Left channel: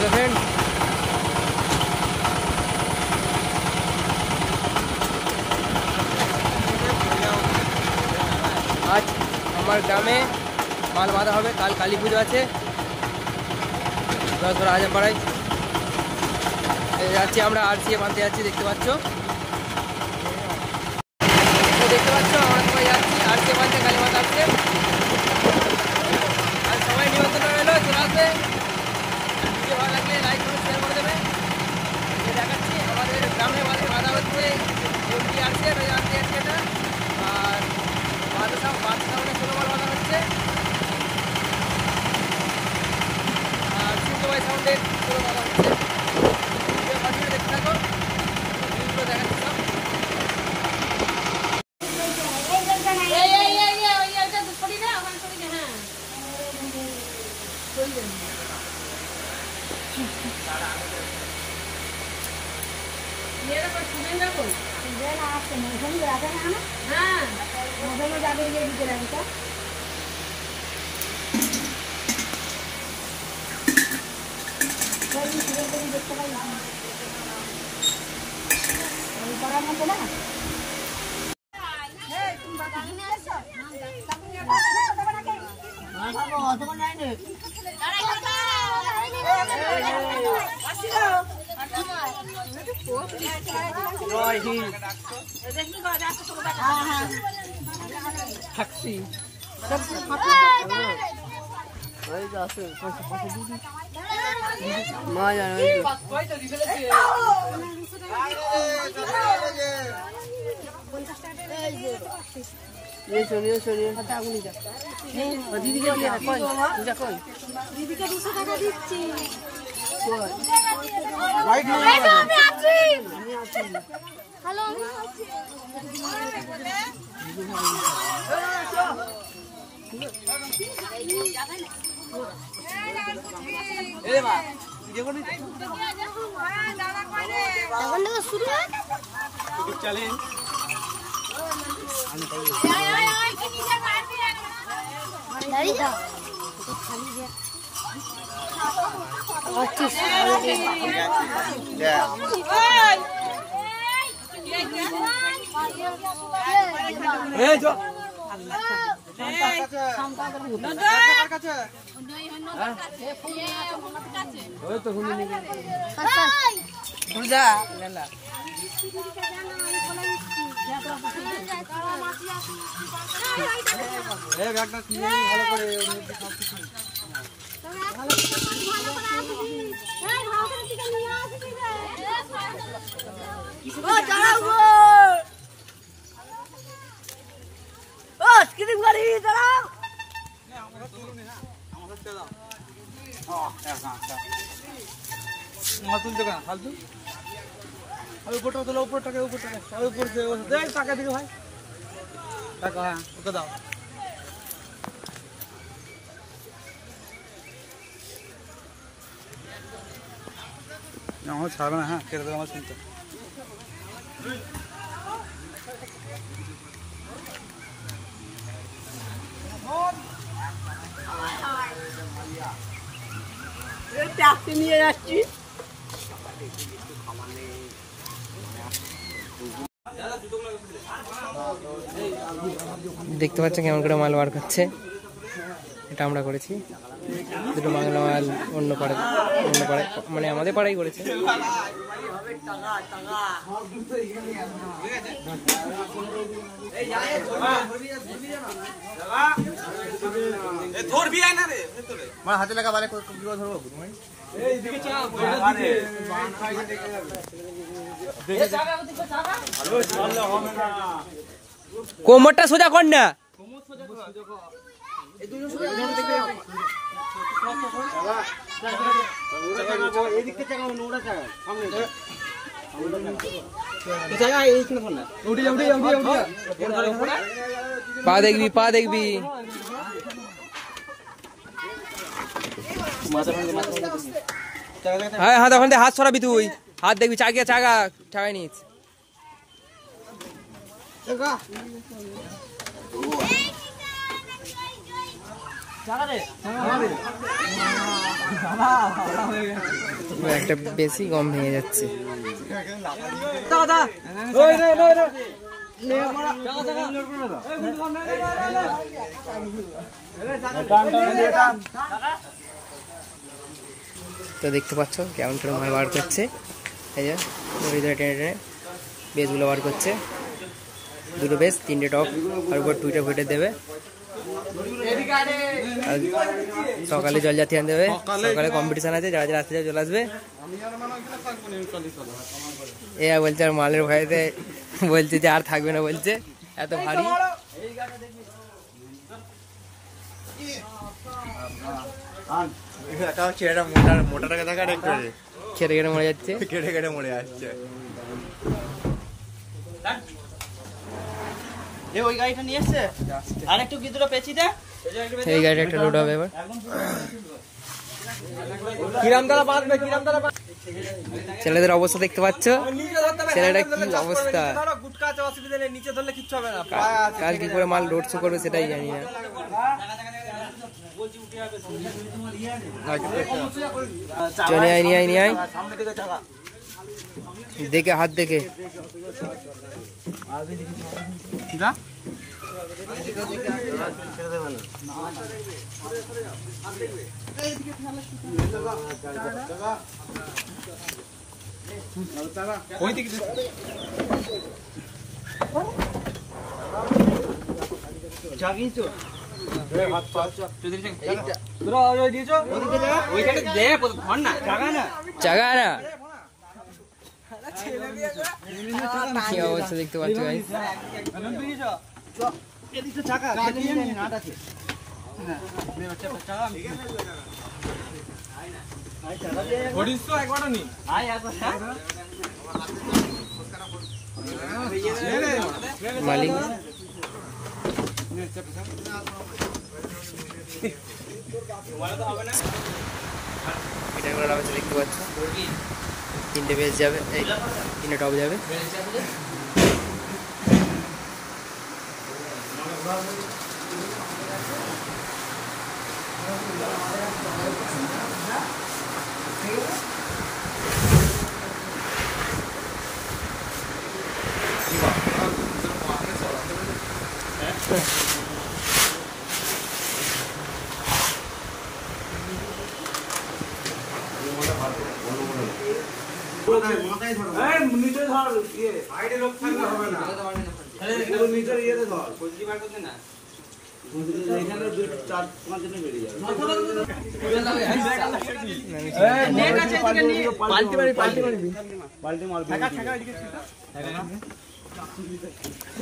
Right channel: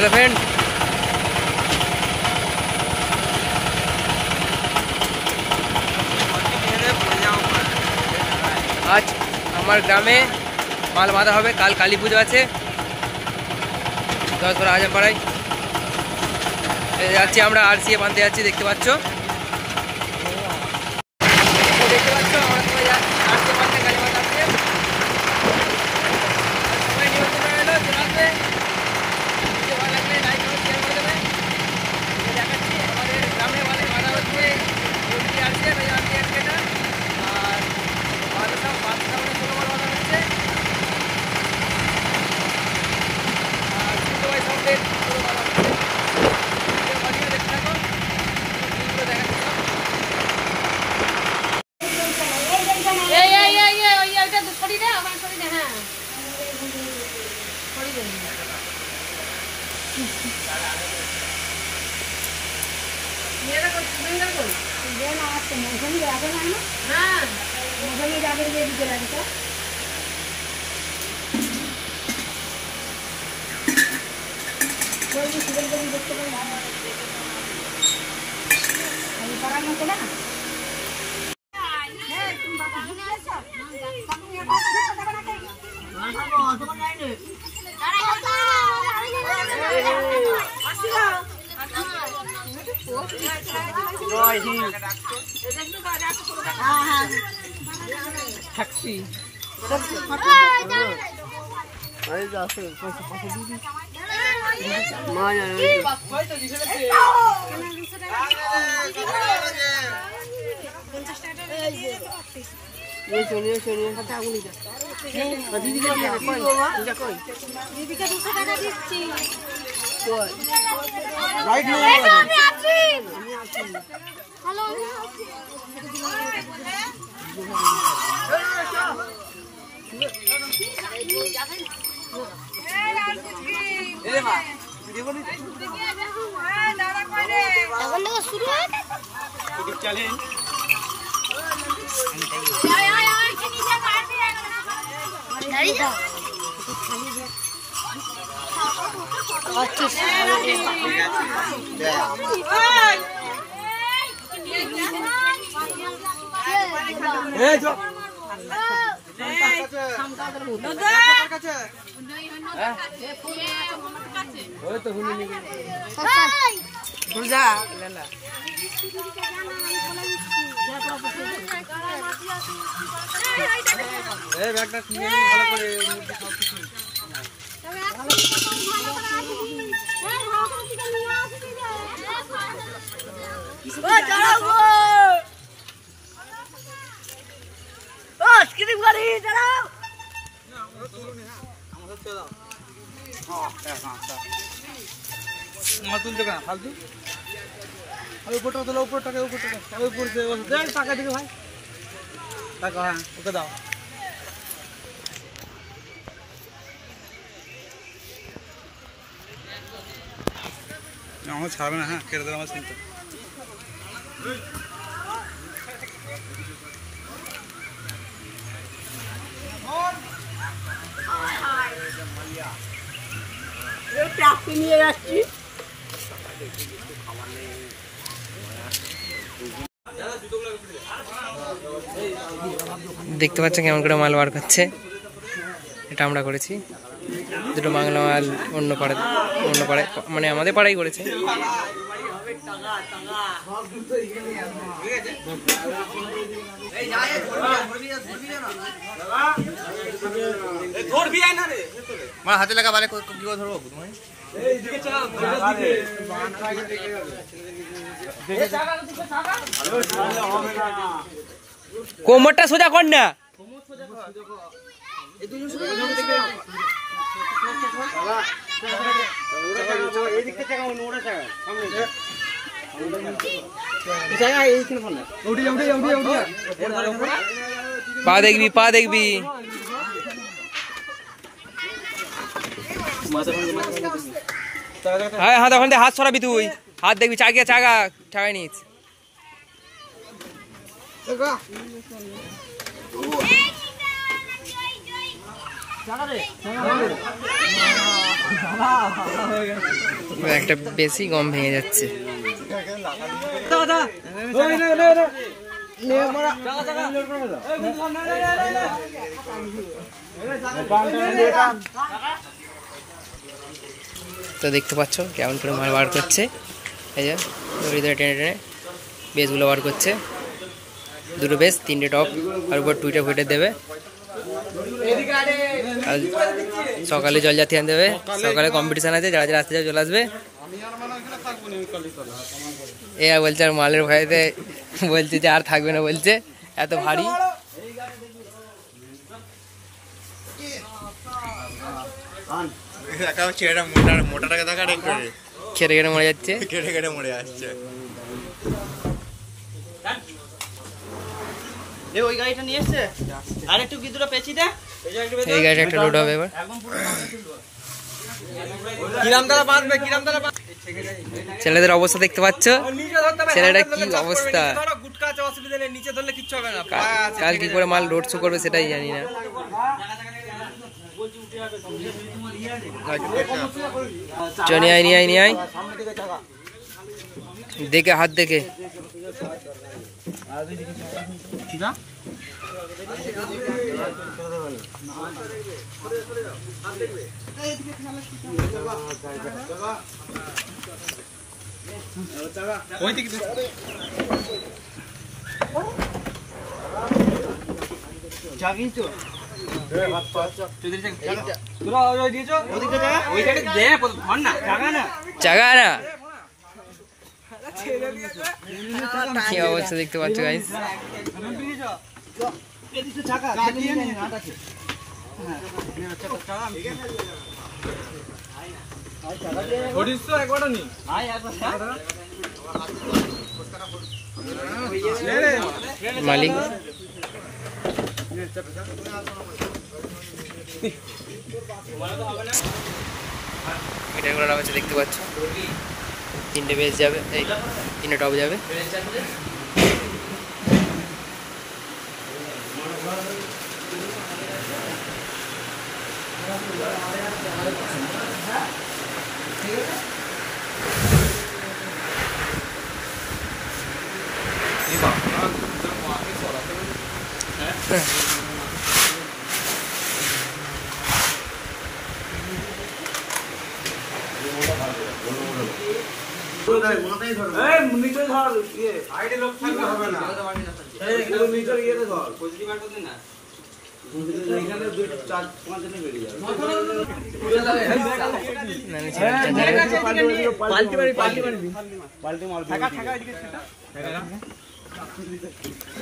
Hello friend, आज हमारे ग्रामे माल बाँधा হবে। কাল কালী পুজো আছে 10 বড় আজম পাড়ায় যাচ্ছি আমরা। আরসিএ বাঁধতে যাচ্ছি, দেখতে পাচ্ছ আমরা সবাই যাচ্ছি আরসিএ বাঁধতে, কালী মাতা আসছে। আর সবাই নিমন্ত্রণ রইলো, চলে আসবে। ভিডিও ভালো লাগলে লাইক করে শেয়ার করে দেবে। দেখাচ্ছি আমাদের গ্রামে বাঁধা হচ্ছে আরসিএ, আরসিএটা। আর বাদশাহ মানে 16 বড় বাঁধা হচ্ছে। আর সুন্দরবাই সাউন্ডের পুরো বাঁধা হচ্ছে। ভিডিও ভালো দেখতে থাকো, ভিডিওগুলো দেখাচ্ছি সব। দিদিকে 200 টাকা দিচ্ছি। তুলতে কেন ফালতু? উপরটা তোলা, উপর টাকা টাকা দিকে ভাই, টাকা। হ্যাঁ, ওকে দাও। আমার ছাড়বে না। হ্যাঁ, কেটে দেবে আমার চিন্তা। নিয়ে যাচ্ছি। দেখতে পাচ্ছেন কেমন করে মাল বার করছে। এটা আমরা করেছি। দুটো বাংলা মাল অন্য পাড়ায় মানে আমাদের পাড়াই করেছে। হাতে লাগা বালে ধরবো তোমায়। কোমরটা সোজা কর না। পা দেখবি, পা দেখবি। হ্যাঁ, হাত ওখান থেকে হাত সরাবি তুই। হাত দেখবি, চাগায় নিস। একটা বেশি গম ভেঙে যাচ্ছে। তো দেখতে পাচ্ছ কেমন করে মাল বার করছে, এই যে দড়ি ধরে টেনে টেনে বেসগুলো বার করছে। দুটো বেস, 3টে টপ, আর উপর 2টে ফুটে দেবে। আর সকালে জলজাতি আনতে দেবে, সকালে কম্পিটিশান আছে, যারা যারা আসতে যাবে চলে আসবে। এ বলছে আর মালের ভয়েতে বলছে যে আর থাকবে না, বলছে এত ভারী। খেটে খেটে মরে যাচ্ছে, কেটে কেটে মরে আসছে। ওই গাড়িটা নিয়ে এসছে, আর একটু গিদুরা পেঁচি দে। এই গাড়িটা একটা লোড হবে এবার। ছেলেদের অবস্থা দেখতে পাচ্ছ, ছেলেটা কি অবস্থা। কাল কি করে মাল লোড শো করবে সেটাই জানি না। চলে আয়, নিয়ে আয়, নিয়ে আয়, দেখে হাত দেখে। চাগা না কি অবস্থা দেখতে পাচ্ছ গাইস। মালিক এটা করা হচ্ছে দেখতে পাচ্ছ। 3টে বেস যাবে, এই 3টে টপ যাবে।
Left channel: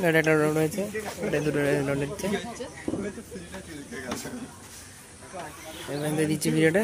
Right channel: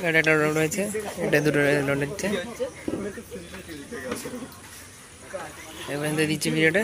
এটা লোড হয়েছে, এটা দুটো লোড হচ্ছে। এবার দিচ্ছি ভিডিওটা।